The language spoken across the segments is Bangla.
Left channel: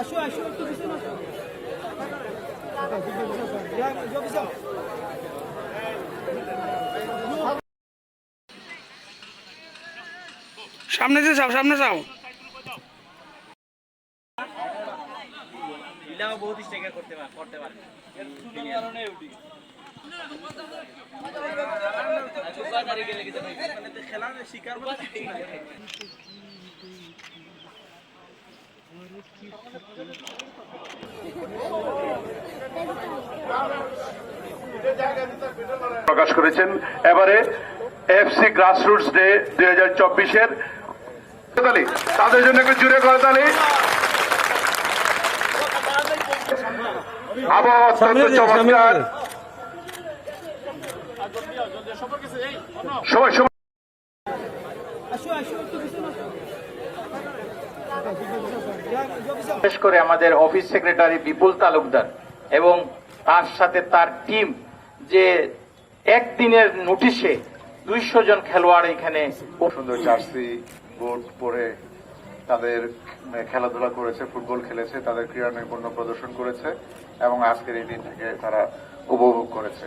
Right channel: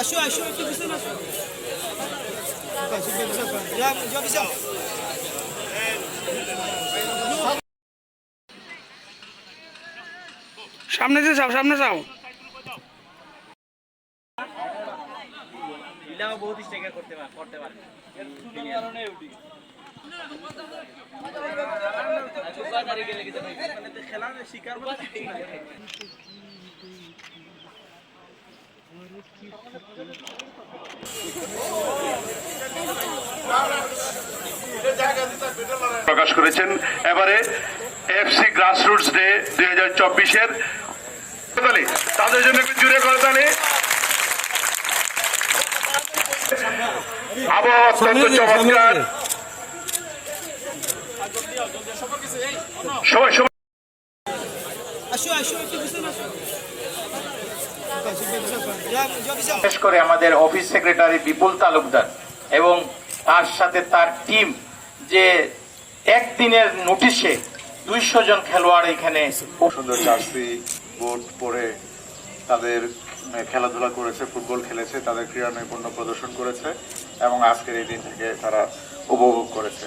আসো একটু পিছনে আসো। Ya, yo সামনে যে যাও সামনে যাও। বহুত স্ট্রাইকার করতে পারে করতে পারে। খেলার শিকার প্রকাশ করেছেন। এবারে এফসি গ্রাসরুটস ডে দুই হাজার চব্বিশের তাদের জন্য একটু জুড়ে করে তালি আবহাওয়া অত্যন্ত চমৎকার। সবাই সবাই। বিশেষ করে আমাদের অফিস সেক্রেটারি বিপুল তালুকদার এবং তার সাথে তার টিম যে একদিনের নোটিশে দুইশো জন খেলোয়াড় এখানে সুন্দর জার্সি বোর্ড পরে তাদের খেলাধুলা করেছে, ফুটবল খেলেছে, তাদের ক্রীড়া নৈপুণ্য প্রদর্শন করেছে এবং আজকের এই দিন থেকে তারা উপভোগ করেছে।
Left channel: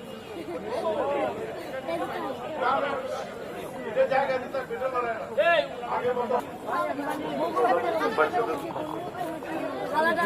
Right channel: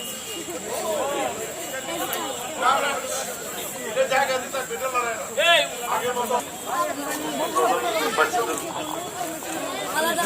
আলাদা